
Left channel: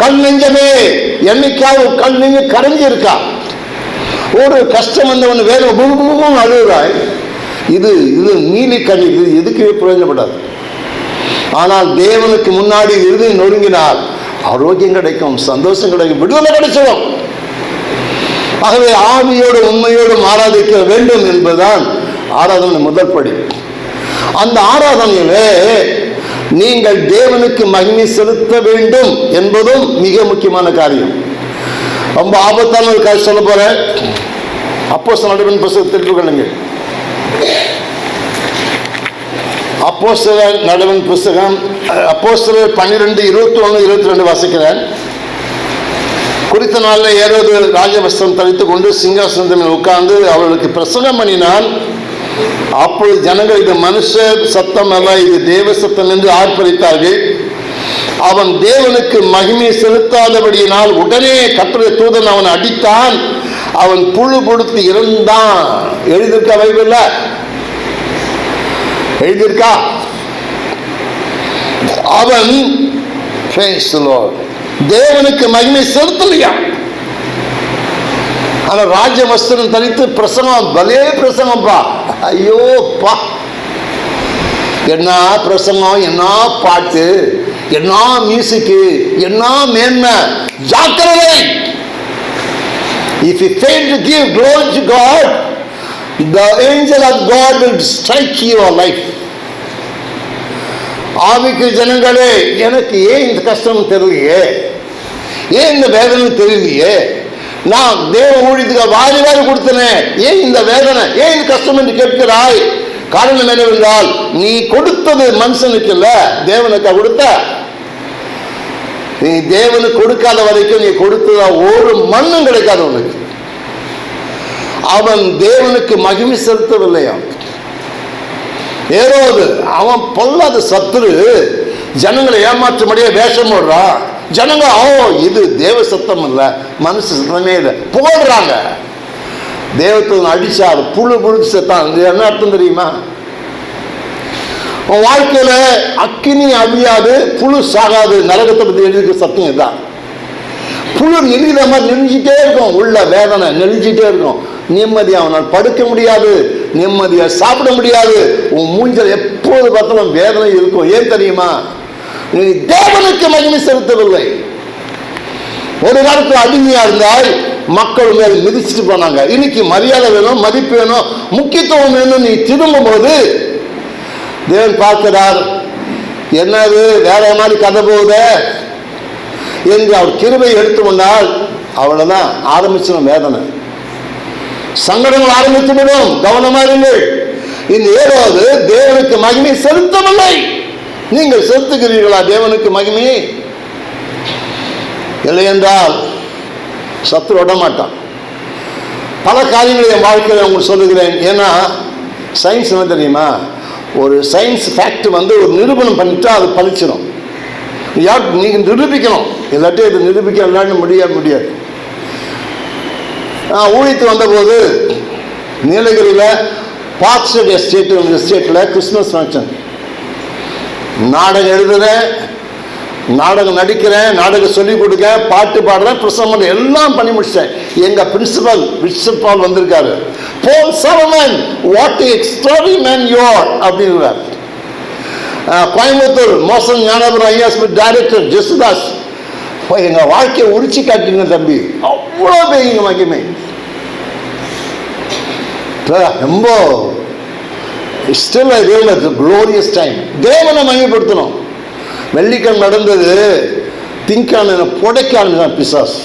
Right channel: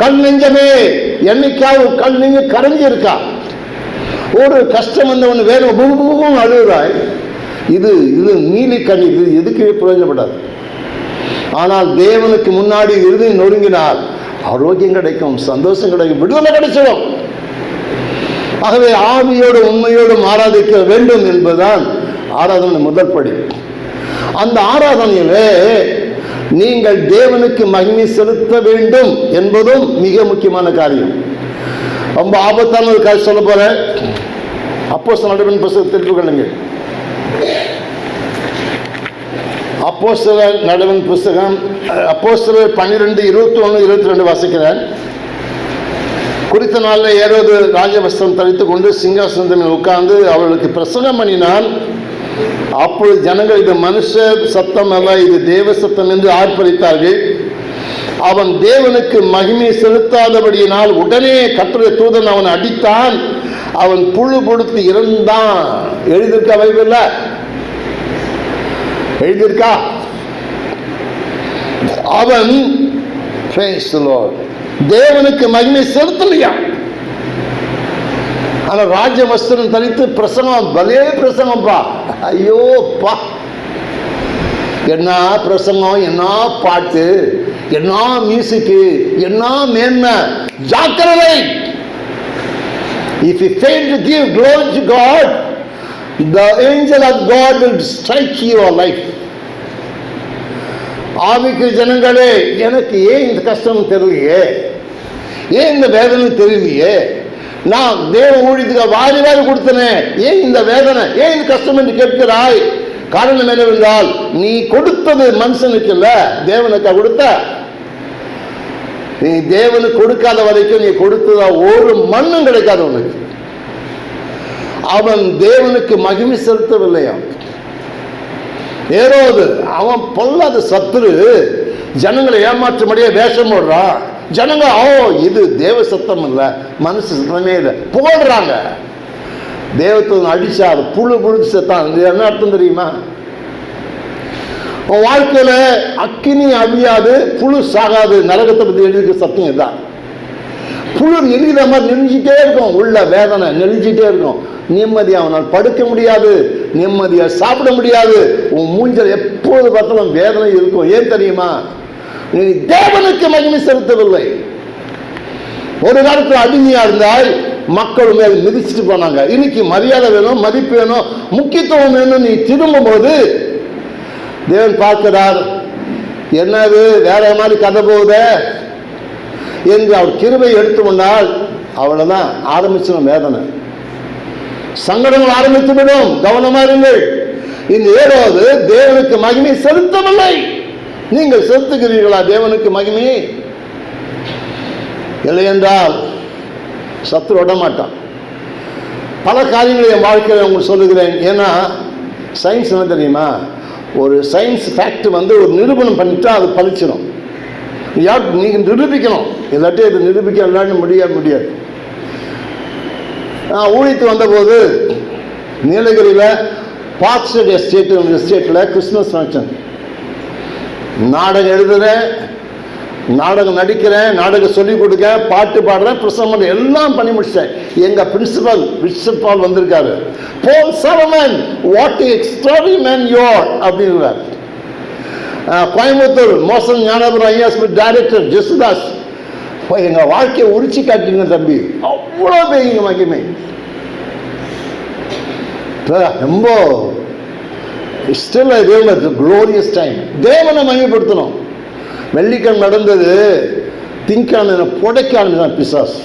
கண் நெஞ்சமே. என்னைக்காவது கண் நெஞ்சு கரைஞ்சி இருக்கா? ஒரு கஷ்டம் வந்தவன் வேலை பூமும் அழுகுறாய். இது இது நீலி கண் இது எதுக்குமே பிரயோஜனப்படாது. ஆனால் தேவனுக்கு முன்னாடி இருந்து நொறுங்கினால் ஆரோக்கியம் கிடைக்கும் சந்தோஷம் கிடைக்கும் விடுதலை கிடைச்சிடும். ஆகவே ஆவியோடு உண்மையோடும் ஆராதிக்க வேண்டும் என்பதுதான் ஆராதனை முதல் படி. அந்த ஆராதனையிலே நீங்கள் தேவனுக்கு மகிமை செலுத்த வேண்டும் என்பதும் மிக முக்கியமான காரியம். ரொம்ப ஆபத்தான ஒரு காரியம் சொல்ல போற அப்போ நடுவன் புத்தகத்தில் அப்போ சில நடவன் புஸ்தகம் அப்போஸ்தலர் பன்னிரெண்டு இருபத்தி ஒன்று இருபத்தி ரெண்டு வாசிக்கிறேன். குறித்த நாளில் ஏரோது ராஜவஸ்திரம் தரித்துக் கொண்டு சிங்காசனத்தில் மேல் உட்கார்ந்து அவர்களுக்கு பிரசங்கம் பண்ணினான். அப்பொழுது ஜனங்கள் இது மனுஷ சத்தம் அல்ல இது தேவ சத்தம் என்று ஆர்ப்பரித்தார்கள். அவன் தேவனுக்கு மகிமை செலுத்தாதபடியினால் உடனே கட்டுரை தூதன் அவன் அடித்தான். அவன் புழு கொடுத்து இறந்தான். எழுதியிருக்கா பைபிள்ல? எழுதியிருக்கா? அவன் தேவனுக்கு மகிமை செலுத்தலையா? ஆனால் ராஜ வஸ்திரம் தரித்து பிரசங்கம் பலே பிரசங்கம்ப்பா ஐயோ பா என்ன பிரசங்கம் என்ன பாட்டு என்ன மியூசிக்கு என்ன மேன்மை. ஜாக்கிரதை. If you fail to give glory to God the angel of God will strike your life ஆவிக்கு ஜனங்களே எனக்கு ஏன் இந்த கஷ்டம் தெரியலையே? ஏன் இந்த வேதனை தெரியலையே? நான் தேவ ஊழியத்துக்கு வாரி வாரி கொடுத்தனேன் ஏன் இந்த வேதனை? ஏன் இது கஷ்டம் என்று கேட்கிறாய்? காரணம் என்னவென்றால் நீ கொடுத்தது மனுஷனுக்கு இல்ல தேவனுக்கு கொடுத்த. நீ தேவனுக்கு கொடுக்காத வரைக்கும் நீ கொடுத்ததா ஒரு மண்ணும் கிடைக்காது உனக்கு. அவன் தேவனுக்கு மகிமை செலுத்தவில்லையா ஏரோது அவன் பொல்லாத சத்துரு ஜனங்களை ஏமாற்றும்படியே வேஷம் போடுறான். ஜனங்க ஓ இது தேவ சத்தம் இல்லை மனுஷ சத்தமே இல்லை. போடுறாங்க தேவத்தை அடிச்சார் புழு புழுத்து செத்தான். இது என்ன அர்த்தம் தெரியுமா? உன் வாழ்க்கையில் அக்கினி அழியாது புழு சாகாது. நரகத்தை பற்றி எழுதிக்க சத்தம் இதுதான். புழு நெளிகிற மாதிரி நெளிஞ்சிட்டே இருக்கும். உள்ள வேதனை நெளிஞ்சிட்டே இருக்கும். நிம்மதியாக அவனால் படுக்க முடியாது. நிம்மதியாக சாப்பிட முடியாது. உன் மூஞ்சல் எப்போது பார்த்தாலும் வேதனை இருக்கும். ஏன் தெரியுமா? நீ தேவனுக்கு மகிமை செலுத்தவில்லை. ஒரு காலத்தில் அடிமையா இருந்தால் மக்கள் மேல் மிதிச்சுட்டு போனாங்க. இன்னைக்கு மரியாதை வேணும் மதிப்பு வேணும் முக்கியத்துவம் வேணும் நீ திரும்பும் போது தேவன் பார்க்கிறார் என்னது வேற மாதிரி கதை போகுதே? என்று அவர் கிருபை எடுத்து கொண்டால் அவ்வளவுதான் ஆரம்பிச்சிடும் வேதனை. சங்கடங்கள் ஆரம்பித்து விடும் கவனமா இருங்கள். இந்த ஏழாவது தேவனுக்கு மகிமை செலுத்தவில்லை. நீங்கள் செலுத்துகிறீர்களா தேவனுக்கு மகிமையை? இல்லையென்றால் சத்துரு சத்து விட மாட்டான் பல காரியங்களை என் வாழ்க்கையில் உங்களுக்கு சொல்லுகிறேன். ஏன்னா சயின்ஸ் என்ன தெரியுமா? ஒரு சயின்ஸ் ஃபேக்ட் வந்து ஒரு நிரூபணம் பண்ணிட்டா அது பழிச்சிடும் யார் நீங்கள் நிரூபிக்கணும். இல்லாட்டி இது நிரூபிக்க விளையாட முடியாது. முடியாது நான் ஊழித்து வந்தபோது நீலகிரியில் பார்க் ஸ்ட்ரீட் எஸ்டேட் எஸ்டேட்டில் கிறிஸ்மஸ் ஃபங்க்ஷன் நாடகம் எழுதுறேன் நாடகம் நடிக்கிறேன் நாடகம் சொல்லிக் கொடுக்க பாட்டு பாடுறேன் பிரசங்கம் எல்லாம் பண்ணி முடிச்சிட்டேன். எங்க பிரின்சிபல் பிரின்சிபால் வந்திருக்காரு. போல் சரமன் வாட் எக்ஸ்ட்ராடி மேன் யோர் அப்படின்றார். கோயம்புத்தூர் மோசன் ஞானபுரம் ஐயாஸ் டைரக்டர் ஜெசுதாஸ். போய் எங்க வாழ்க்கையை உரிச்சு காட்டிங்க தம்பி. அவ்வளோ பெரிய மகிமை. ரொம்ப still I real glorious time தேவனை மையப்படுத்தணும் வெள்ளிக்கிழமை நடந்தது. திங்கான புடைக்கான பிசாஸ்.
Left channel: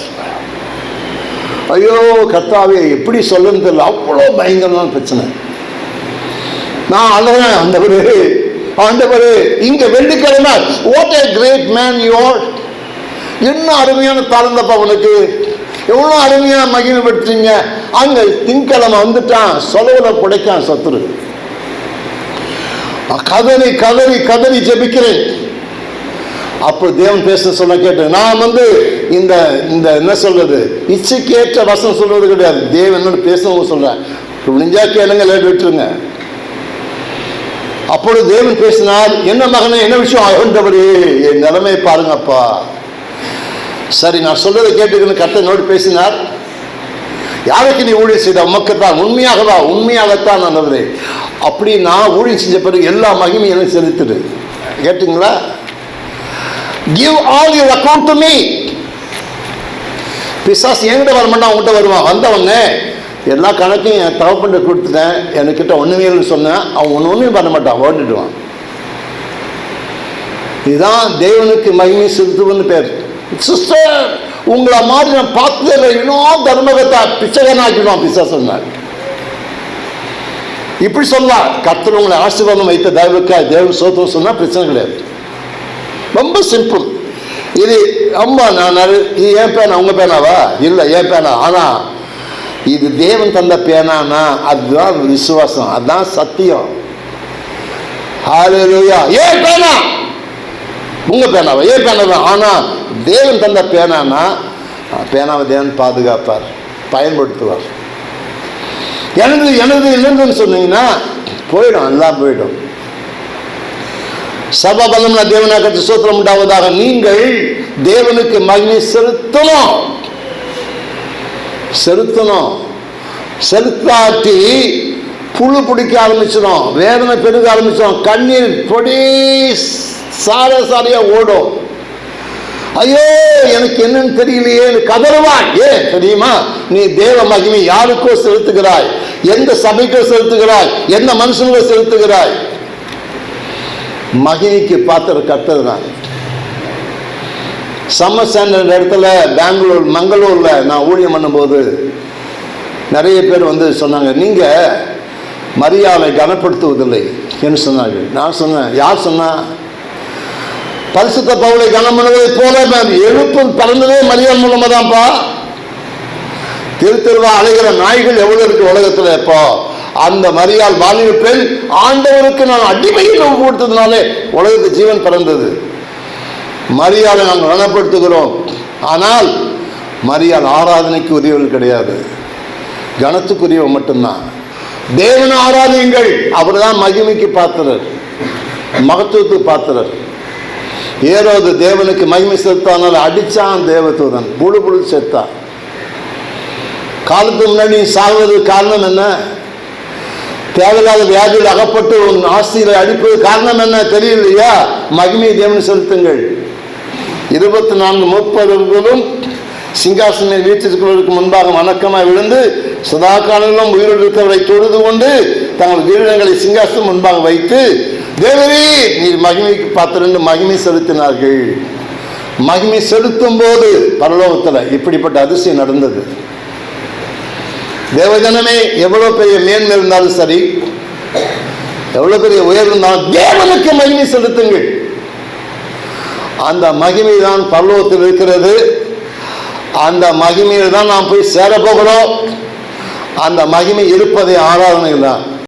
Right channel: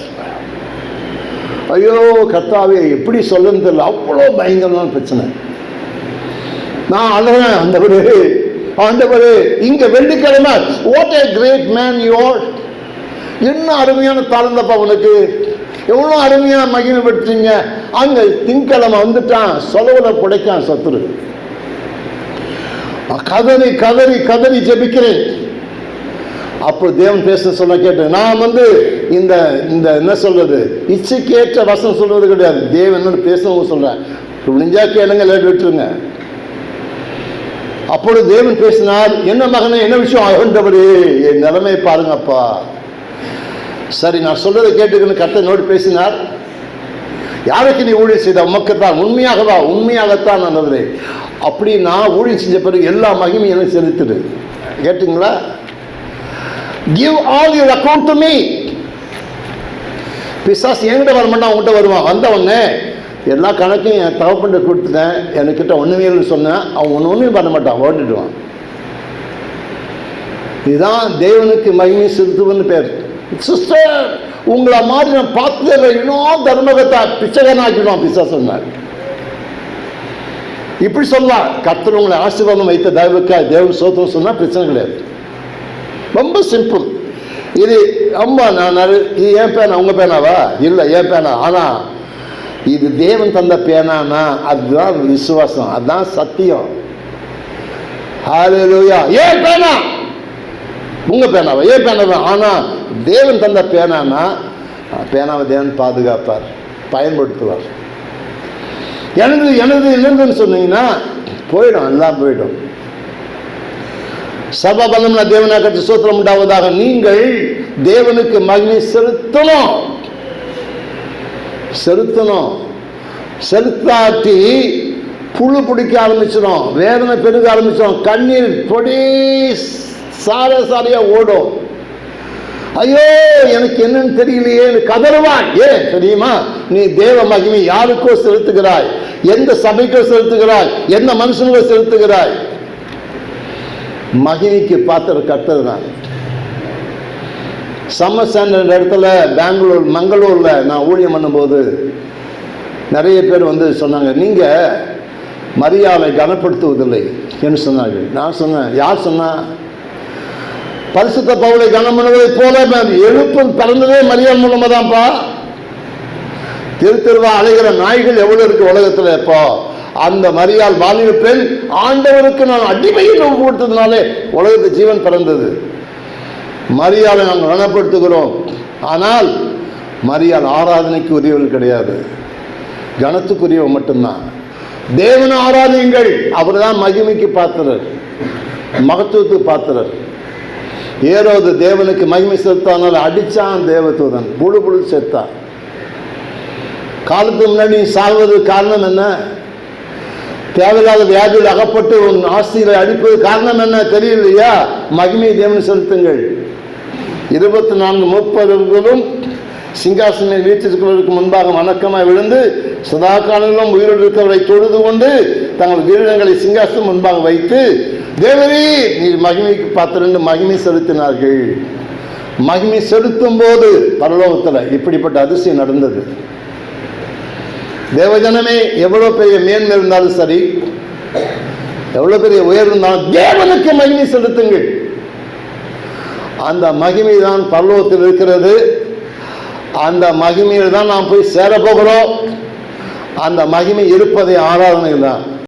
ஐயோ கத்தாவே எப்படி சொல்லன்னு தெரியல. அவ்வளோ பயங்கரமான பிரச்சனை. நான் அழுறேன் ஆண்டவர் ஆண்டவர் இங்க வெள்ளிக்கிழமை what a great man your என்ன அருமையான தாழ்ந்தப்பா உனக்கு. எவ்வளோ அருமையாக மகிழ்ப்படுத்துறீங்க அங்கே திங்கிழமை வந்துட்டான். சொலவில் புடைக்கான் சத்துரு. கதறி கதறி கதறி ஜெபிக்கிறேன். அப்போ தேவன் பேச சொன்ன கேட்டு நான் வந்து இந்த இந்த என்ன சொல்றது? இச்சைக்கேற்ற வசனம் சொல்றது கிடையாது. தேவன் என்னோட பேசணும் சொல்றேன் முடிஞ்சா கேளுங்க லேட் விட்டுருங்க. அப்பொழுது தேவன் பேசினார் என்ன மகனே என்ன விஷயம் ஆண்டவரே என் நிலைமை பாருங்கப்பா. சரி நான் சொல்றதை கேட்டுக்கணும் கத்தை பேசினார். யாருக்கு நீ ஊழியர் செய்த உமக்குத்தான். உண்மையாகவா? உண்மையாகத்தான் நல்லது அப்படி நான் ஊழியம் செஞ்ச பிறகு எல்லா மகிமையும் எனக்கு செலுத்துடு கேட்டுங்களா? Give all your account to me பிசாஸ் என்கிட்ட வரமாட்டான் அவங்ககிட்ட வருவான். வந்தவங்க எல்லா கணக்கையும் என் தகப்பண்ட கொடுத்துட்டேன். என்கிட்ட ஒன்றுமே இல்லைன்னு சொன்னேன். அவன் ஒன்று ஒன்றும் பண்ண மாட்டான். ஓட்டுடுவான் இதுதான் தேவனுக்கு மகிமை செலுத்துவன்னு பேர். சிஸ்டர் உங்களை மாதிரி நான் பார்த்ததில்லை இன்னும் தர்மகத்தா பிச்சைகனாக்கிடுவான் பிசா சொன்னார் இப்படி சொல்லலாம் கத்தர் உங்களை ஆசீர்வாதம் வைத்த தயவுக்காய் தேவன் சோத்திரம் சொன்னால் பிரச்சனை கிடையாது. ரொம்ப சிம்பிள் இது அம்மா நான் நிறைய- இது ஏன் பேனா உங்கள் பேனாவா? இல்லை ஏன் பேனா. ஆனா இது தேவன் தந்த பேனானா அதுதான் விசுவாசம். அதுதான் சத்தியம். ஹalleluya ஏன் பேனா! உங்கள் பேனாவா? ஏன் பேனா தான். ஆனா தேவன் தந்த பேனானா பேனாவை தேவன் பாதுகாப்பார் பயன்படுத்துவார். எனது எனது என்னதுன்னு சொன்னீங்கன்னா போயிடும் எல்லாம் போயிடும். சர்வபலம்னா தேவனாக சூத்திரம் உண்டாவதாக நீங்கள் தேவனுக்கு மகிமை செலுத்தணும். செலுத்தணும். செலுத்தாட்டி புழு பிடிக்க ஆரம்பிச்சிடும் வேதனை பெருக ஆரம்பிச்சிடும் கண்ணீர் பொடி சார சாரையாக ஓடும். ஐயோ எனக்கு என்னன்னு தெரியலையே கதறுவான் ஏன் தெரியுமா? நீ தேவ மகிமை யாருக்கோ செலுத்துகிறாய்? எந்த சபைக்கோ செலுத்துகிறாய்? எந்த மனுஷனுக்கோ செலுத்துகிறாய்? மகிமைக்கு பாத்திர கர்த்தர் தான். சம்மர் ஸ்டாண்டர்ட் இடத்துல பெங்களூர் மங்களூரில் நான் ஊழியம் பண்ணும்போது நிறைய பேர் வந்து சொன்னாங்க நீங்கள் மரியாதை கனப்படுத்துவதில்லை. என்று சொன்னார்கள்? நான் சொன்னேன் யார் சொன்னால் பரிசுத்த பவுலை கனம் பண்ணுவதை போல நான் எழுப்பு பிறந்ததே மரியாதை மூலமா தான்ப்பா தெரு தெருவா அலைகிற நாய்கள் எவ்வளவு இருக்கு உலகத்துல இப்போ? அந்த மரியாள் வாலிப பெண் ஆண்டவருக்கு நான் அடிமையில் கொடுத்ததுனாலே உலகத்து ஜீவன் பிறந்தது. மரியாதை நாங்கள் கனப்படுத்துகிறோம் ஆனால் மரியாள் ஆராதனைக்கு உரியவள் கிடையாது. கனத்துக்குரியவன் மட்டும்தான். தேவன ஆராதனைகள் அவர் தான் மகிமைக்கு பாத்திரர். மகத்துவத்துக்கு பாத்திரர். ஏரோது தேவனுக்கு மகிமை செலுத்தானால் அடிச்சான் தேவதூதன். புழு புழு செத்தான் காலத்துக்கு முன்னாடி சாகுவது காரணம் என்ன? தேவையில்லாத வியாதியில் அகப்பட்டு உன் ஆஸ்திகளை அடிப்பது காரணம் என்ன தெரியலையா மகிமை தேவன் செலுத்துங்கள். இருபத்தி நான்கு முப்பதுகளும் சிங்காசனை வீட்டிற்குள்ளதற்கு முன்பாக வணக்கமாக விழுந்து சதா காலங்களும் உயிரோடு தொழுது கொண்டு தங்கள் வீரங்களை சிங்காசனம் முன்பாக வைத்து தேவரே நீ மகிமைக்கு பார்த்து மகிமை செலுத்தினார்கள். மகிமை செலுத்தும் போது பரலோகத்தில் இப்படிப்பட்ட அதிசயம் நடந்தது. தேவஜனமே எவ்வளோ பெரிய மேன்மை இருந்தாலும் சரி எவ்வளோ பெரிய உயர்வு இருந்தாலும் தேவனுக்கு மகிமை செலுத்துங்கள். அந்த மகிமை தான் பரலோகத்தில் இருக்கிறது. அந்த மகிமையில் தான் நாம் போய் சேரப்போகிறோம் அந்த மகிமை இருப்பதே ஆராதனை தான்